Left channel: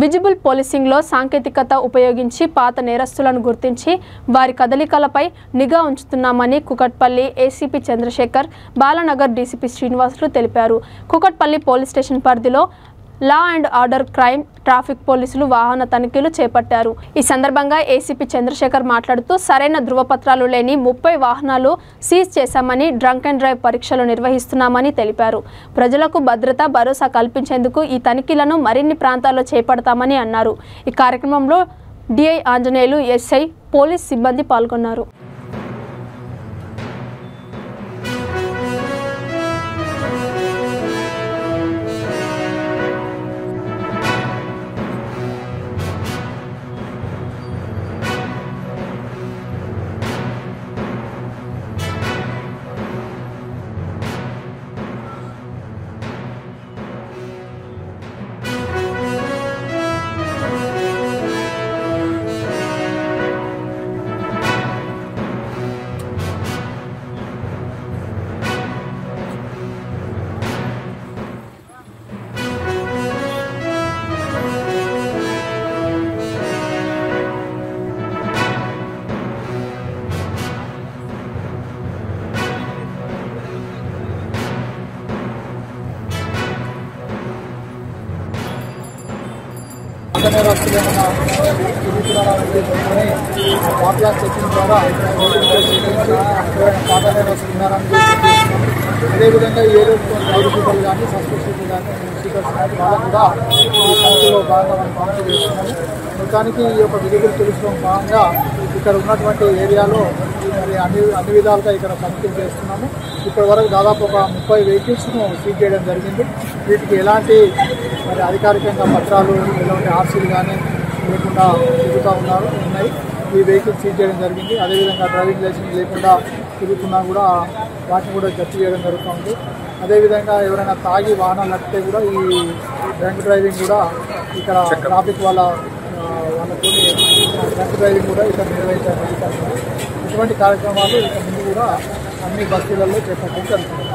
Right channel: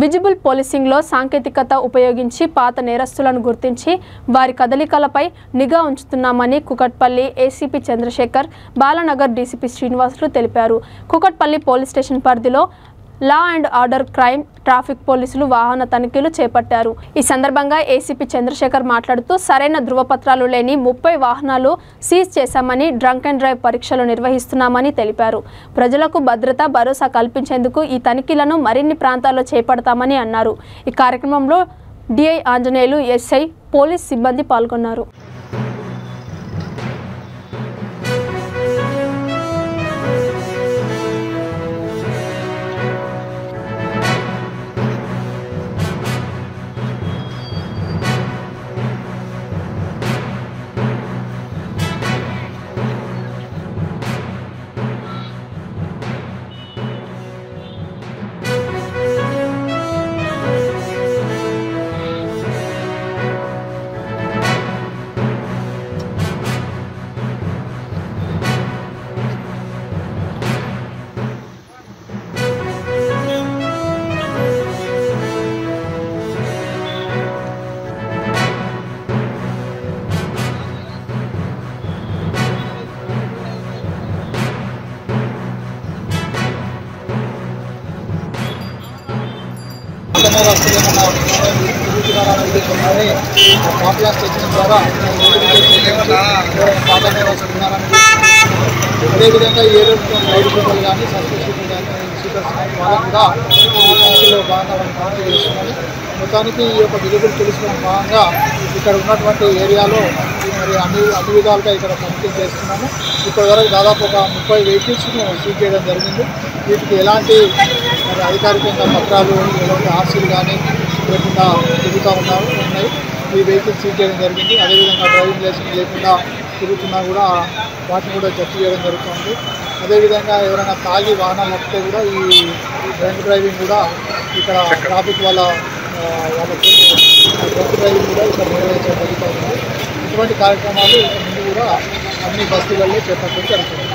Visible పోలీసింగ్లో సాంకేతికత ఉపయోగించి పాత నేరస్తులను గుర్తించి వారి కదలికలపై నిఘా ఉంచుతున్నామని కుకట్పల్లి ఏసీపీ చంద్రశేఖర్, బాలానగర్ డీసీపీ శ్రీనివాసులు తెలిపారు. కుకట్పల్లి పోలీస్ స్టేషన్ పరిధిలో law and order crime traffic పోలీసులు వాహన తనిఖీలు చేపట్టారు. ఈ సందర్భంగా ఏసీపీ చంద్రశేఖర్ మాట్లాడుతూ సరైన ధృవపత్రాలు లేని 30 వాహనాలు సీజ్ చేశామని, డ్రంక్ అండ్ డ్రైవ్ పరీక్షలు నిర్వహిస్తున్నామని తెలిపారు. ప్రజలకు భరోసా కల్పించేందుకు ఈ తనిఖీలను మరిన్ని ప్రాంతాల్లో చేపడతామని అన్నారు. ఈ కార్యక్రమంలో డిఐ ఆంజనేయులు, ఎస్ఐ, పోలీస్ సిబ్బంది పాల్గొన్నారు. తిరుగుతున్నారనే ఉద్దేశంతోనే పాపులర్ చెకింగ్ ద్వారా పాత నేరస్తులు ఉన్నారని అదేవిధంగా ఏ రౌడీ షీటర్లు కానీ, సస్పెక్ట్ షీటర్లు కానీ, షీటర్స్ కానీ వాళ్ళకు కూడా ఈ కౌన్సిల్లో భాగంగా మనం కౌన్సిల్ చేస్తున్నాము. మొత్తానికి ఈ యొక్క విజిబుల్ పోలీసులో భాగంగా ఇక్కడ ఉన్నటువంటి ఏరియాలో మరి అన్ని విధాలుగా ఇక్కడ తనిఖీలు చేస్తున్నాము. ఇప్పటి వరకు దాదాపు ఒక 30 వెహికల్స్ను సీజ్ చేయడం జరిగింది. వీటికి ఎలాంటి మరి అధికారికంగా పత్రాలు, ఎలాంటి ఆర్సీలు కానీ లేకుండా ఉన్నాయి. ఈ వెహికల్స్ సీజ్ చేయడం జరిగింది. అదేవిధంగా డ్రైవింగ్ లైసెన్స్ లేకుండా తిరుగుతున్నా కూడా వాటిని కూడా జప్తు చేయడం జరుగుతుంది. అదేవిధంగా ఎవరైనా తాగి వాహనాలు నడిపితే కూడా ఈ డ్రంక్ డ్రైవింగ్ కూడా ఇక్కడ ట్రాఫిక్ వాళ్ళతో డ్రంక్ డ్రైవింగ్ కూడా ఇక్కడ నిర్వహించడం జరుగుతుంది. ఇటువంటి కార్యక్రమాలు ఇక ముందు కూడా అన్ని బస్తీలలో చేపట్టడం జరుగుతుంది.